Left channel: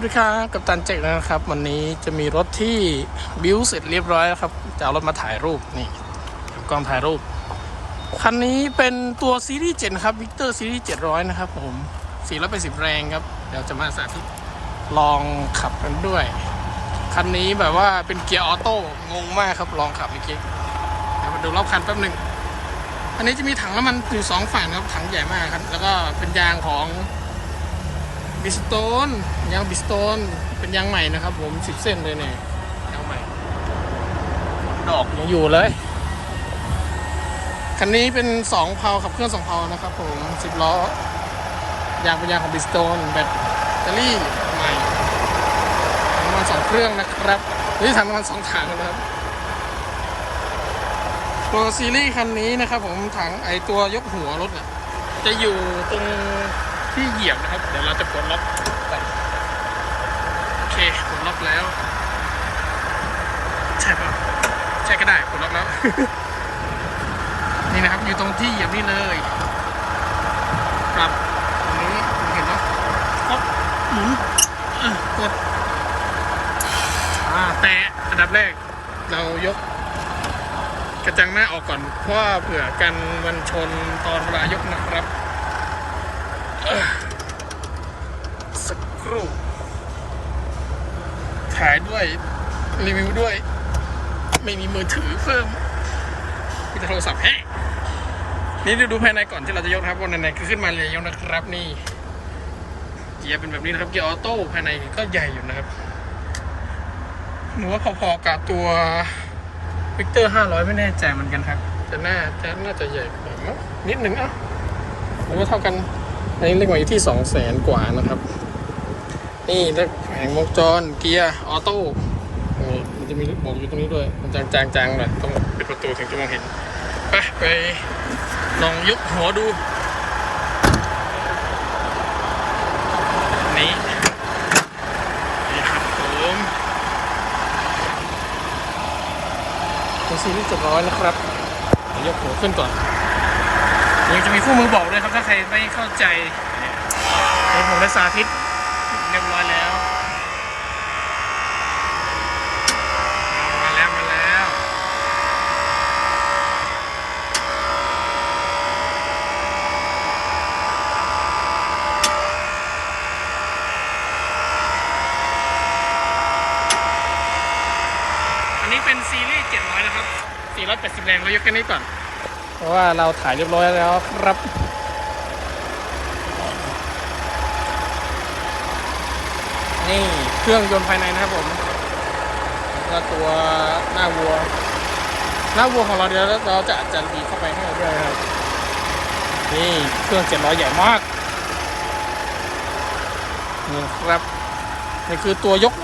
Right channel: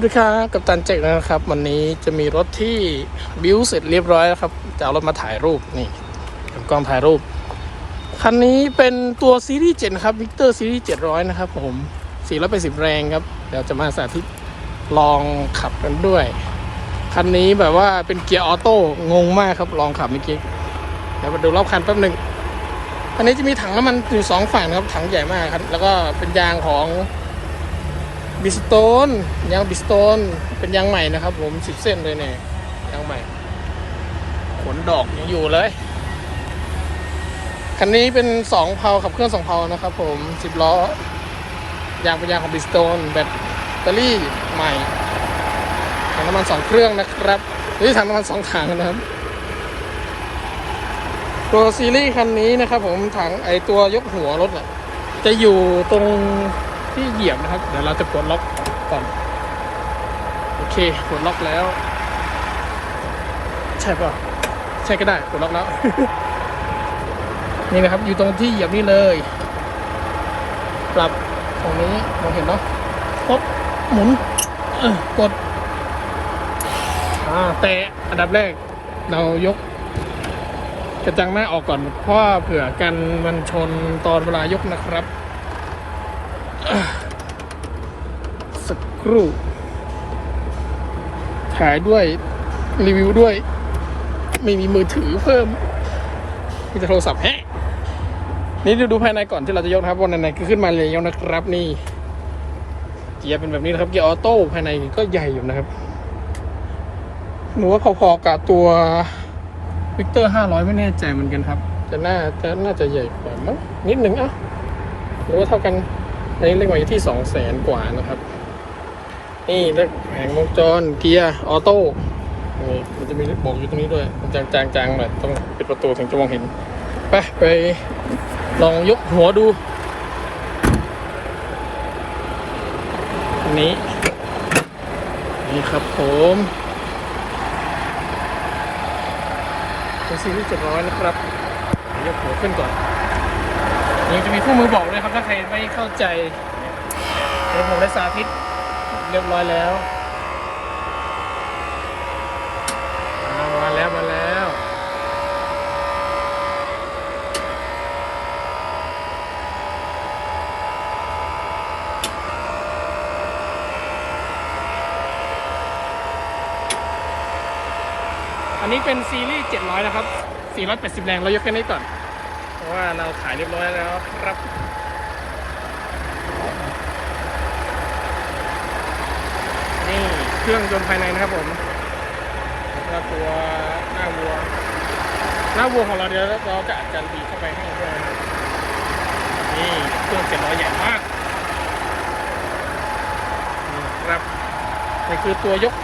สวัสดีครับกับตันเจกนะครับ วันนี้จะมีรถที่บิวเสร็จเรียบร้อยแล้วครับจะเอารถมาถ่ายรูปนี่กับกล้องถ่ายรูป คันนี้เป็นตัวซีรีส์7นะครับวิกเตอร์ซีรีส์700นะครับผม480แรงครับ เดี๋ยวจะมาสาธิตลองขับกันด้วย คันนี้แบบว่าเป็นเกียร์ออโต้งงมากครับลองขับเมื่อกี้เดี๋ยวมาดูรอบคันแป๊บหนึ่งอันนี้จะมีถังน้ำมันอยู่สองฝั่งนะครับถังใหญ่มากครับ แล้วก็เป็นยางของ บิสโตนยางบิสโตนเป็นยางใหม่นะครับ ผมสิบเส้นเลยเนี่ยยางใหม่ผลดอกยังอยู่เลยคันนี้เป็นสองเพาขับเครื่องสองเพานะครับ ผมสิบล้อยางเป็นยางของบิสโตนแบตเตอรี่ใหม่ถังน้ำมันสองเครื่องนะครับนี่ถังน้ำมันสองถังนะครับ ตัวซีรีส์คันนี้นะครับ ผมถังไอตัวยกหัวรถน่ะจะอยู่ตรง ที่เหยียบนะครับ เดี๋ยวเราจะกดล็อกก่อนโอเคกดล็อกแล้วใช่ป่ะใช่ก็ได้กดล็อกแล้ว นี่นะครับ อยู่ตรงที่เหยียบนี่เลยปรับตรงนี้มองเห็นเนาะกดหมุนกดอ่าแต่อันดับแรก เรายกกระจังหน้าออกก่อนเพราะเผื่อกันมันชนตอนเวลายกนะครับ สักครู่ถ่ายด้วย รีวิวด้วย ไม่มีมือถือเพิ่ม มีแต่โทรศัพท์แฮะนี่ดูดูภายในก่อนที่เราจะยกครับวันไหนๆก็ขึ้นมาเลยแล้วนะครับนี่เกียร์เป็นแบบนี้นะครับเกียร์ออโต้ภายในก็ใหญ่อยู่นะครับหนูว่าพอๆกับตัววิกเตอร์500ไม่แน่ใจเหมือนกันครับจะน่าจะน่าจะใหญ่กว่ามั้งนิดหนึ่งอะหรือว่าเท่ากัน อันนี้เรียกว่าอยู่ที่สองแสนกว่านะครับ นี่แล้วแผงวงจรเกียร์ออโต้นี่มันจะมีบอกอยู่ตรงนี้ด้วย มันจางจางจางหน่อยต้องปิดประตูถึงจะมองเห็นไปไปลองยกหัวดูอันนี้นี่ครับผมตัวซีรีส์เจ็ดร้อยนะครับ ยกหัวขึ้นก่อน ยังจะมีคู่มือบอกด้วยครับถ้าใครไม่เข้าใจเดี๋ยวผมได้สาธิตเรียบร้อยแล้วมาแล้วมาแล้วอันนี้เป็นซีรีส์700 นะครับ 470 แรง เรายกแค่นี้ก่อน เพราะว่าเราถ่ายเรียบร้อยแล้วครับนี่เครื่องยนต์ภายในนะครับผมแล้วก็ตัวหน้าวัว หน้าวัวของเราเดี๋ยวเราจะอัดจันดีเข้าไปให้เราด้วยนะครับนี่เครื่อง700ใหญ่มากนี่ครับนี่คือตัวยก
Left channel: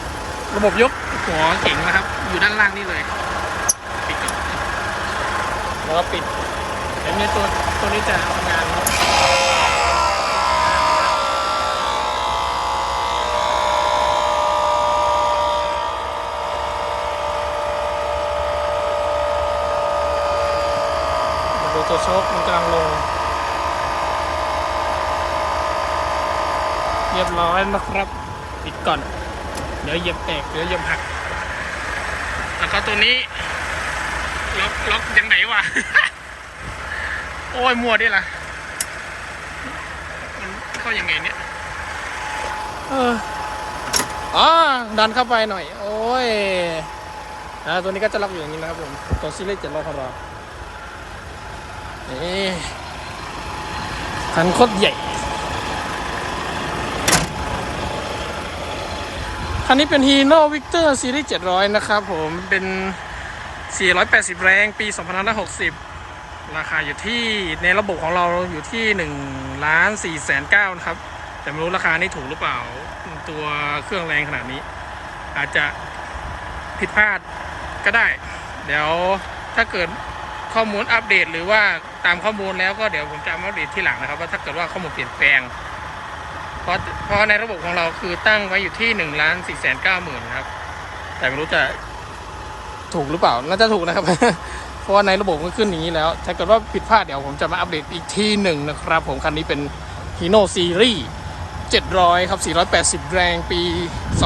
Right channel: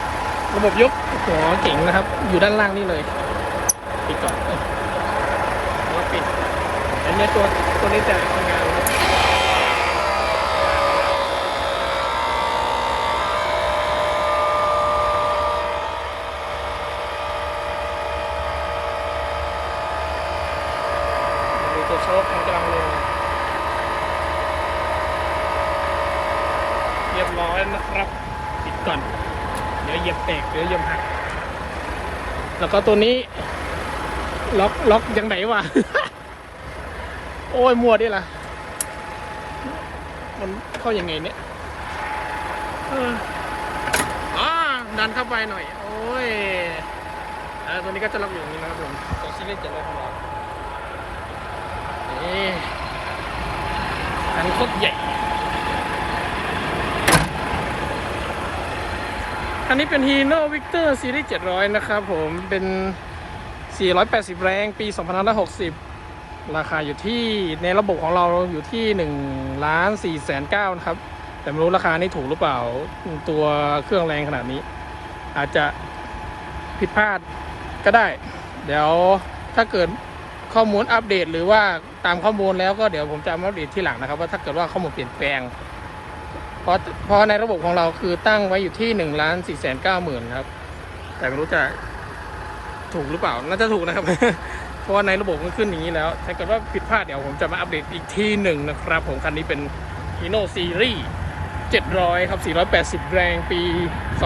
ระบบยกหัวเก่งนะครับ อยู่ด้านล่างนี่เลย ปิดก่อนแล้วก็ปิด เห็นไหมตัวตัวนี้จะทำงานมาดูตัวโชคมันกำลังลง เรียบร้อยนะครับปิดก่อน เดี๋ยวเหยียบแตกเดี๋ยวเหยียบหัก แล้วก็ตัวนี้ ล็อกล็อกยังไหนวะ โอ้ยมัวดิล่ะ มันเข้ายังไงเนี่ยเอออ๋อดันเข้าไปหน่อย โอ้ย อ่า ตัวนี้ก็จะล็อกอยู่อย่างนี้นะครับผม ตัวซีรีส์เจ็ดร้อยของเรานี่คันโคตรใหญ่ คันนี้เป็น Hino Victor Series 700 นะครับผม เป็น 480 แรง ปี 2560 ราคาอยู่ที่ในระบบของเราอยู่ที่1ล้าน4แสน9นะครับ แต่ไม่รู้ราคานี้ถูกหรือเปล่าตัวเครื่องแรงขนาดนี้ อาจจะผิดพลาดก็ได้ เดี๋ยวถ้าเกิดข้อมูลอัปเดต หรือว่าตามข้อมูลแล้วก็เดี๋ยวผมจะมาอัปเดตที่หลังนะครับ ว่าถ้าเกิดว่าข้อมูลเปลี่ยนแปลง เพราะเพราะในระบบของเราคือตั้งไว้อยู่ที่หนึ่งล้านสี่แสนเก้าหมื่นครับ แต่ไม่รู้จะถูกหรือเปล่าน่าจะถูกนะครับ เพราะว่าในระบบมันขึ้นอย่างนี้แล้ว ถ้าเกิดว่าผิดพลาดเดี๋ยวผมจะมาอัปเดตอีกทีหนึ่งนะครับ ผมคันนี้เป็น Hino Series 700 ครับ 480 แรงปี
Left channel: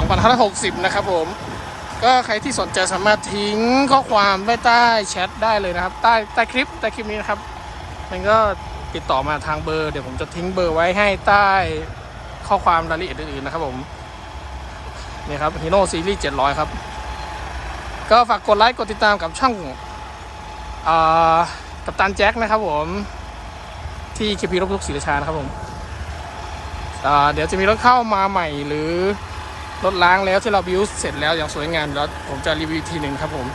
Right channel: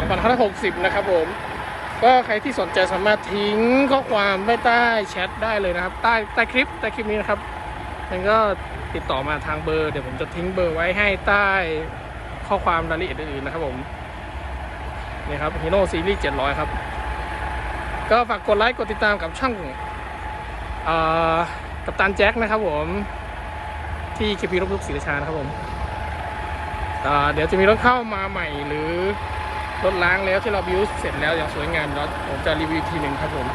2560 นะครับผม ก็ใครที่สนใจสามารถทิ้งข้อความไว้ใต้แชทได้เลยนะครับ ใต้ใต้คลิปใต้คลิปนี้นะครับ มันก็ติดต่อมาทางเบอร์ เดี๋ยวผมจะทิ้งเบอร์ไว้ให้ใต้ข้อความรายละเอียดอื่นๆนะครับผม นี่ครับฮีโน่ซีรีส์700 ครับ ก็ฝากกดไลค์กดติดตามกับช่อง กับตันแจ็คนะครับผมที่เคพีรถทุกศรีราชานะครับผมเดี๋ยวจะมีรถเข้ามาใหม่หรือรถล้างแล้วที่เราบิวเสร็จแล้วอย่างสวยงามแล้วผมจะรีวิวทีหนึ่งครับผม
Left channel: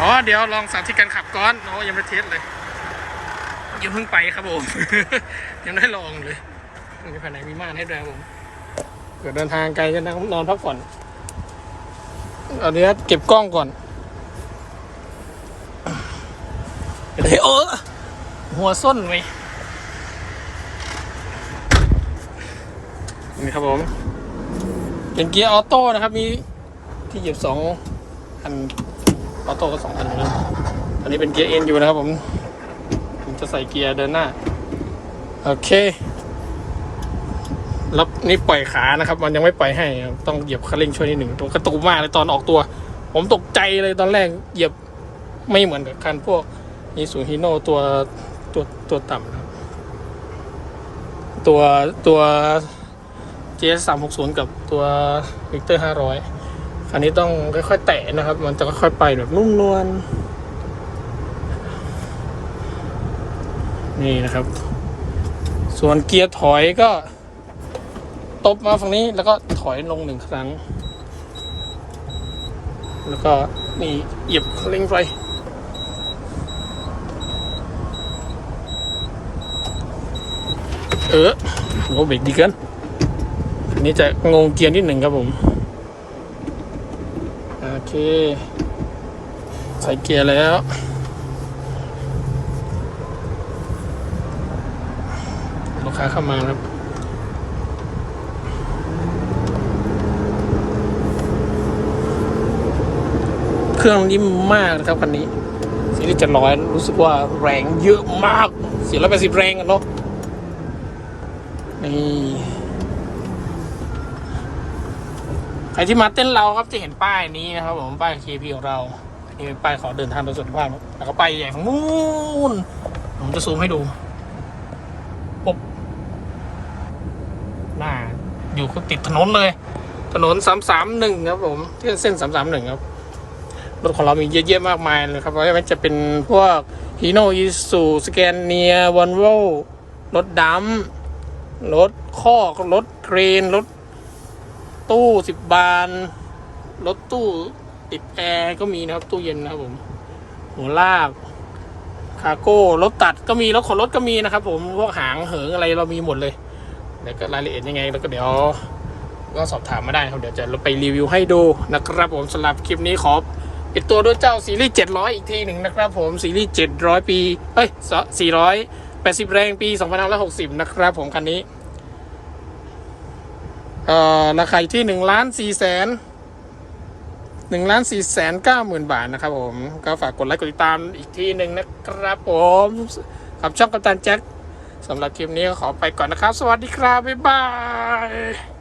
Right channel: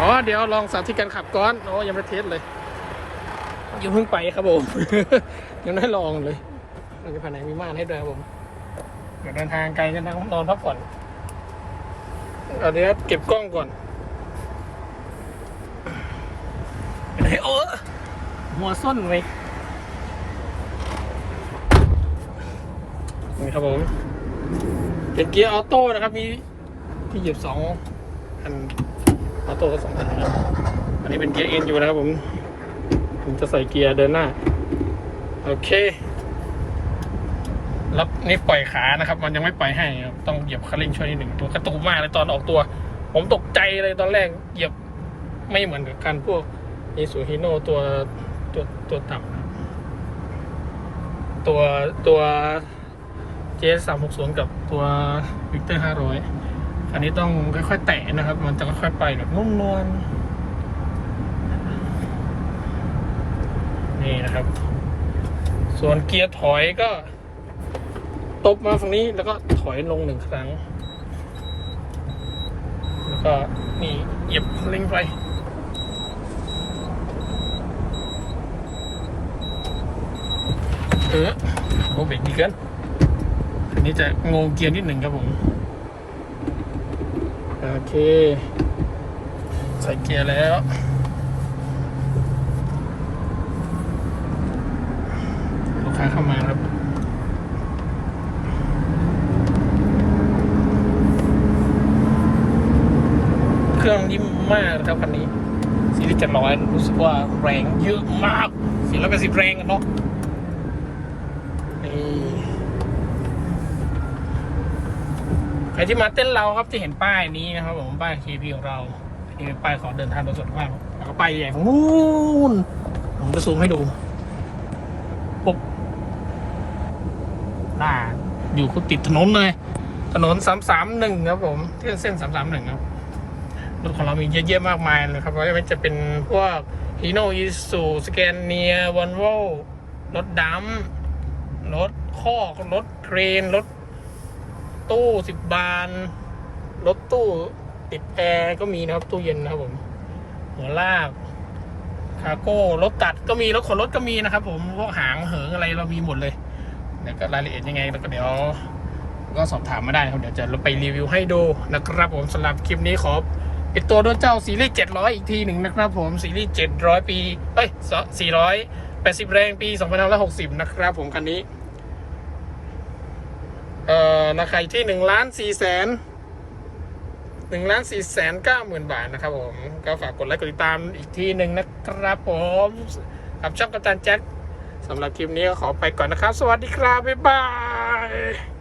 อ๋อเดี๋ยวลองสาธิตการขับก่อนโอ้ยังไม่เทสเลยยังเพิ่งไปครับผม ยังได้ลองเลยมีภายในมีม่านให้ด้วยครับผมเผื่อเดินทางไกลจะนั่งนอนพักผ่อนเอาเดี๋ยวเก็บกล้องก่อน เฮ้ยโอ้หัวส้นไว้ยนี่ครับผมเป็นเกียร์ออโต้นะครับ มีที่หยิบสองอันออโต้ก็สองอันนะครับอันนี้เป็นเกียร์เอ็นอยู่นะครับผม ผมจะใส่เกียร์เดินหน้า โอเคแล้วนี่ปล่อยขานะครับ มันยังไม่ปล่อยให้ครับต้องเหยียบคันเร่งช่วยนิดหนึ่งตัวกระตุกมากเลยตอนออกตัว ผมตกใจเลยตอนแรกเหยียบไม่เหมือนกับการพวก อีซูฮิโนตัวตัวตัวต่ำครับ ตัวตัว GS 3 6 0กับตัว Victor 500คันนี้ต้องค่อยๆแตะนะครับ มันจะค่อยๆไปแบบนุ่มนวลนี่นะครับ ส่วนเกียร์ถอยก็ ตบมาฝั่งนี้แล้วก็ถอยลงหนึ่งครั้ง แล้วก็นี่เหยียบเร่งไฟ เออผมก็เบรกดีเกินอันนี้จะงงเกียร์นิดหนึ่งครับผม โอเค ใส่เกียร์แล้ว ลูกค้าเข้ามาครับเครื่องนิ่มมากนะครับคันนี้ซีรีส์จะร้อยรู้สึกว่าแรงเยอะมากสี่ร้อยแปดสิบแรงกันเนาะ นี่ใครที่มาเต้นเราครับจะเห็นป้ายนี้นะครับผมป้าย KP ของเรานี่เป็นป้ายขอเดินทางโดยสุขภาพแล้วก็ไปอย่างนู้นผมจะซูมให้ดูหน้าอยู่ก็ติดถนนเลย ถนน331ครับผมที่เส้น331ครับรถของเรามีเยอะแยะมากมายเลยครับไม่ว่าจะเป็นพวกฮีโนอิสูสแกนเนียวอนโวรถดำ รถคอกรถเครนรถตู้สิบบาน รถตู้ติดแอร์ก็มีนะครับ ตู้เย็นนะครับผมหัวลากคาโก้รถตัดก็มีรถขนรถก็มีนะครับ ผมพวกหางเหิงอะไรเรามีหมดเลยเดี๋ยวก็รายละเอียดยังไง แล้วก็เดี๋ยว ก็สอบถามมาได้ครับ เดี๋ยวจะเราไปรีวิวให้ดูนะครับ ผมสำหรับคลิปนี้ขอปิดตัวด้วยเจ้าซีรีส์700 อีกทีหนึ่งนะครับ ผมซีรีส์700 ปีเอ้ย480 แรงปี 2560 นะครับ ผมคันนี้ เอ่อราคาที่หนึ่งล้านสี่แสนหนึ่งล้านสี่แสนเก้าหมื่นบาทนะครับผมก็ฝากกดไลค์กดติดตามอีกทีหนึ่งนะครับผมขับช่องกัปตันแจ็คสำหรับคลิปนี้ก็ขอไปก่อนนะครับ สวัสดีครับ บ๊ายบาย